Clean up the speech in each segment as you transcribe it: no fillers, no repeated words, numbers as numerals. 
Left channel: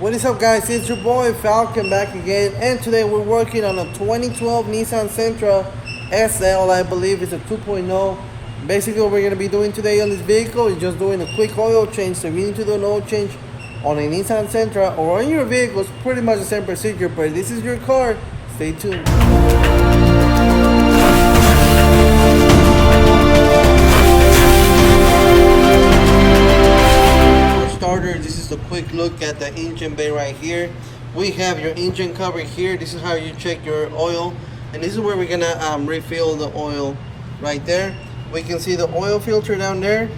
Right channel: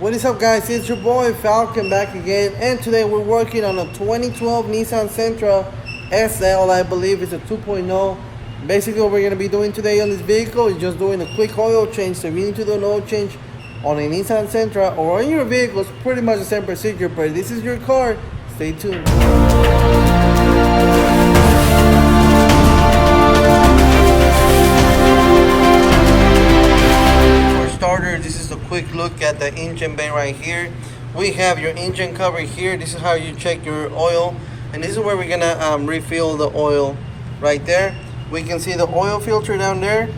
What is up, guys? It's your boy Falcon back again, and today we're working on a 2012 Nissan Sentra SL. I believe it's a 2.0. Basically what we're going to be doing today on this vehicle is just doing a quick oil change. So if you need to do an oil change on a Nissan Sentra or on your vehicle, it's pretty much the same procedure, but if this is your car, stay tuned. This is a quick look at the engine bay right here. We have your engine cover here. This is how you check your oil, and this is where we're gonna refill the oil right there. We can see the oil filter down there.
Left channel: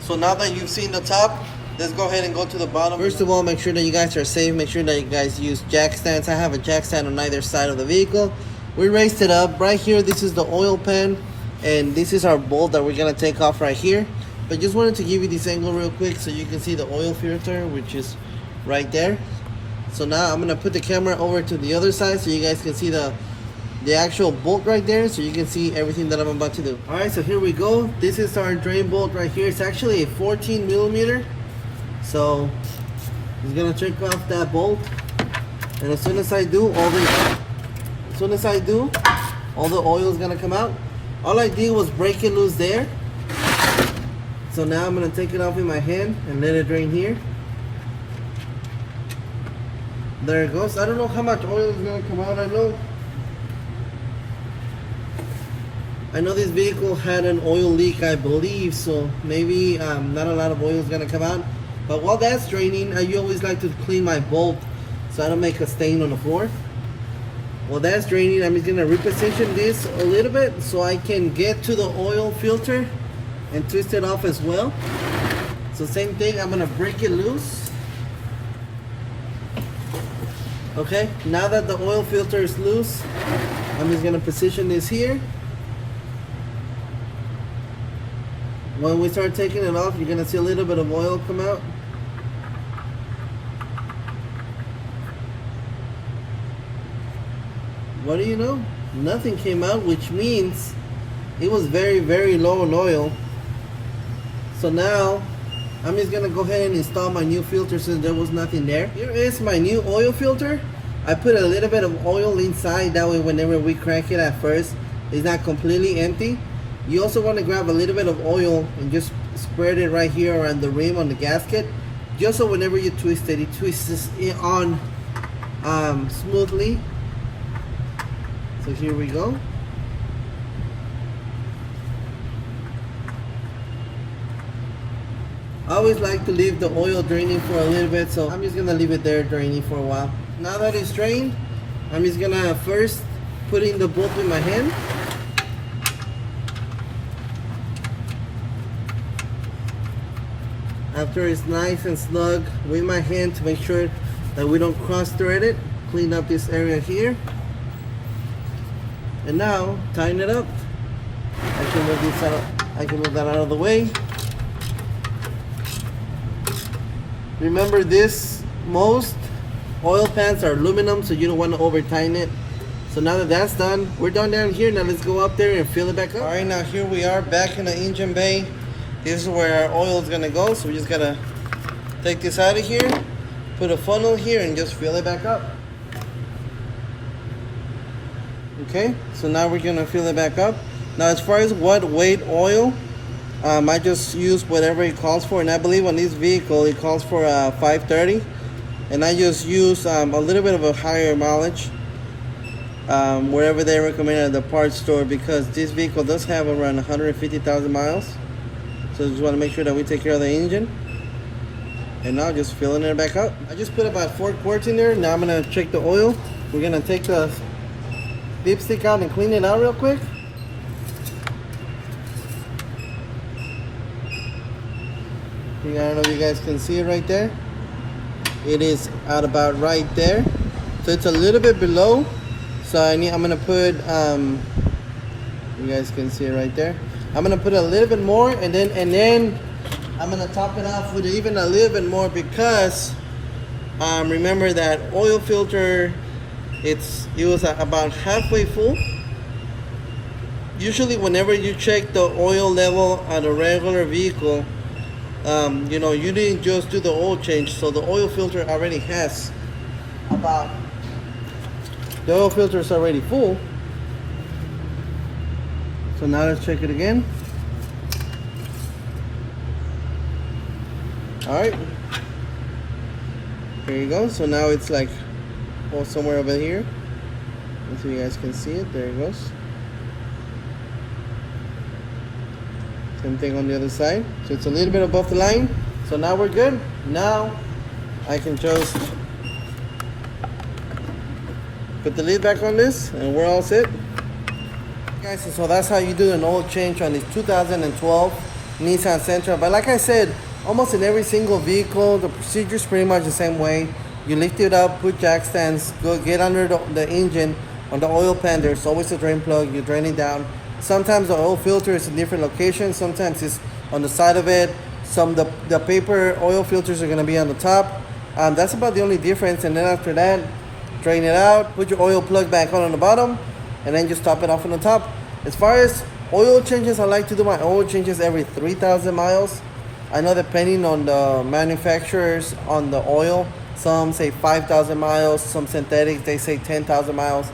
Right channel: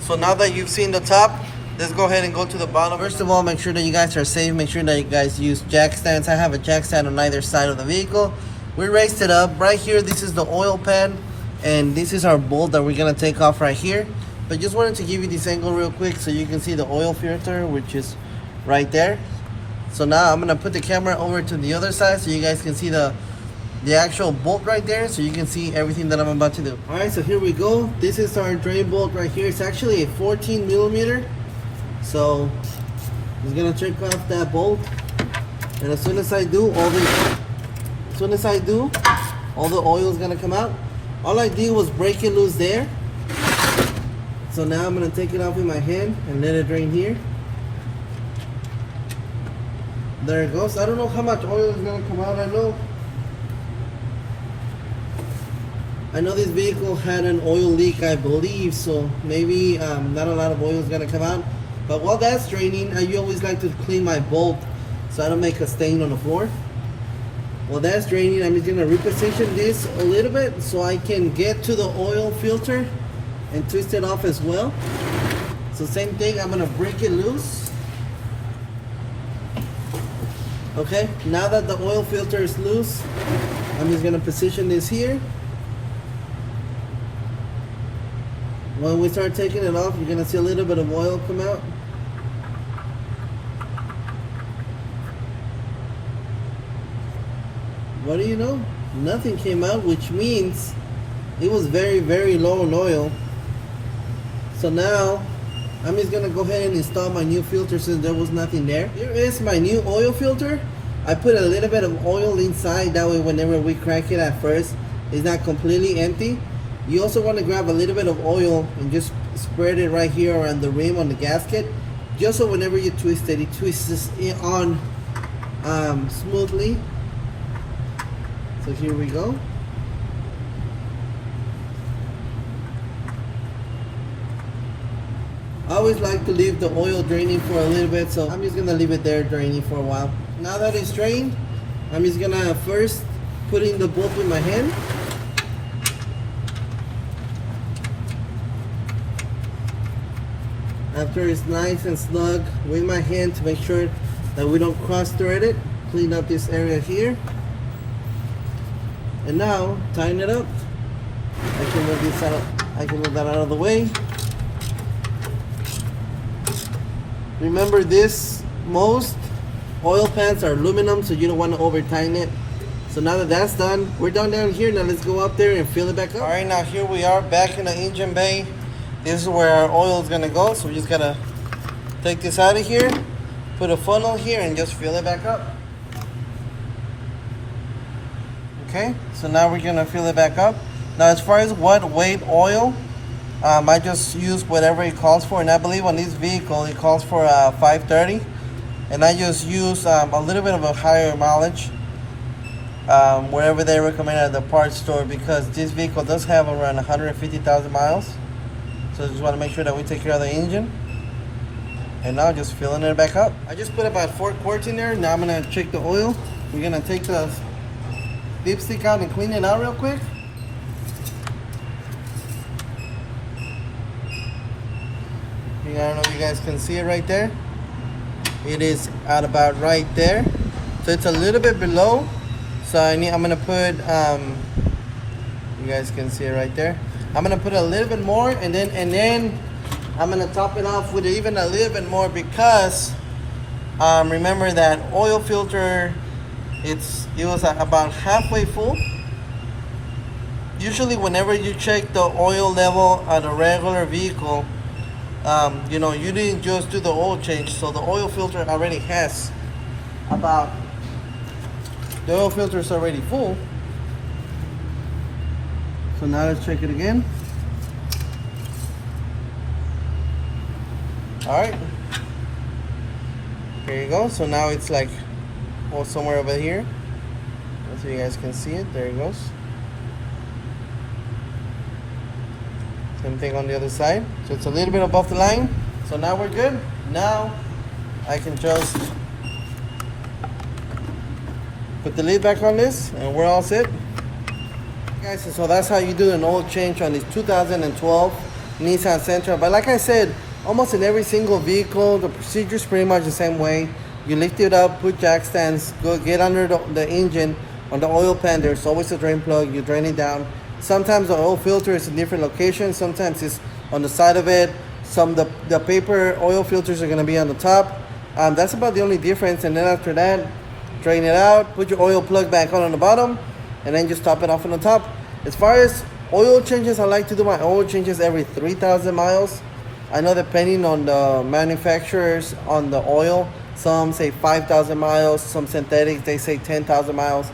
So now that you've seen the top, let's go ahead and go to the bottom. First of all, make sure that you guys are safe. Make sure that you guys use jack stands. I have a jack stand on either side of the vehicle. We raised it up right here. This is the oil pan, and this is our bolt that we're gonna take off right here. But just wanted to give you this angle real quick so you can see the oil filter, which is right there. So now I'm gonna put the camera over to the other side so you guys can see the actual bolt right there, so you can see everything that I'm about to do. All right, so here we go. This is our drain bolt right here. It's actually a 14 millimeter. So I'm gonna check off that bolt, and as soon as I do, all the oil is gonna come out. All I did was break it loose there. So now I'm going to take it off in my hand and let it drain here. There it goes. I don't know how much oil is going to come out. I know this vehicle had an oil leak, I believe, so maybe not a lot of oil is going to come out. But while that's draining, I always like to clean my bolt so I don't make a stain on the floor. While that's draining, I'm just going to reposition this a little bit so I can get to the oil filter and twist it off as well. So same thing, I'm gonna break it loose. Okay, now that the oil filter is loose, I'm just gonna position this here. When we start taking it off, you're gonna see a little bit of oil come out. What do you know? Nothing came out, which means it was very, very low in oil. So now I'm just gonna go ahead and install my new filter since there was nothing there. Here is my new oil filter. I put a little bit of oil inside, that way whenever we crack it at first, it's not completely empty. You also want to grab a little bit of oil and just spread it right here around the rim on the gasket, just so whenever you twist it, it twists it on smoothly. So here we go. I always like to leave the oil draining for a little bit, so I'm just gonna leave it there draining for a while. Now that it's drained, I'm just gonna first put in the bolt with my hand. After it's nice and snug with my hand to make sure that we don't cross thread it, clean up this area here. And now tighten it up. I can move this out. I can move that out of the way. Remember this, most oil pans are aluminum, so you don't want to over tighten it. So now that that's done, we're done down here. Now let's go up there and fill it back up. All right, now here we are back in the engine bay. This is where our oil is gonna go. So we just gotta take this out of here, put a funnel here, and just fill it back up. Okay, so now we're gonna fill it back up. Now as far as what weight oil, I just use whatever it calls for, and I believe on this vehicle it calls for 530, and I just use a little bit of a higher mileage, whatever they recommend at the parts store, because this vehicle does have around 150,000 miles. So I just want to make sure that we take care of the engine. And now just filling it back up. I just put about 4 quarts in there. Now I'm gonna check the oil. We're gonna take the dipstick out and clean it out real quick. I don't know if you guys can see it right there. It is at about right there. So it's a little bit below. So I'm gonna put, you guys can see it right there. I'm gonna put a little bit more, and then I'm gonna top it off with even a little bit more, because remember that oil filter, it was about halfway full. Usually whenever you check the oil level on a regular vehicle, you know, you didn't just do the oil change, so the oil filter already has about, the oil filter is already full. So now let's check it again. All right, here you go. So now it's like, oh, somewhere over here, so you guys can see it. There it goes. Same thing on the other side. So it's a little bit above the line. So now we're good. Now I can just put the lid back on this, and we're all set. Guys, so that's how you do an oil change on this 2012 Nissan Sentra. But like I said, almost in every single vehicle, the procedure is pretty much the same way. You lift it up, put jack stands, go get under the engine. On the oil pan, there's always a drain plug. You drain it down. Sometimes the oil filter is in different locations. Sometimes it's on the side of it. The paper oil filters are going to be on the top. That's about the only difference. And then after that, drain it out, put your oil plug back on the bottom, and then just top it off on the top. As far as oil changes, I like to do my oil changes every 3,000 miles. I know depending on the manufacturers on the oil, some say 5,000 miles, some synthetic, they say 10,000 miles.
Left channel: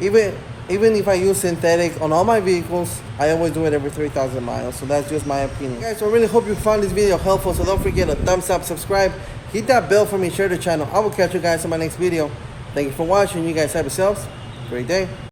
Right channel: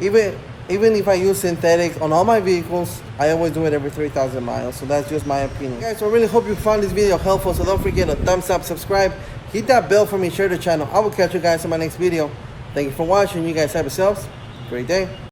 Even if I use synthetic on all my vehicles, I always do it every 3,000 miles. So that's just my opinion. Guys, so I really hope you found this video helpful. So don't forget to thumbs up, subscribe, hit that bell for me, share the channel. I will catch you guys in my next video. Thank you for watching. You guys have yourselves a great day.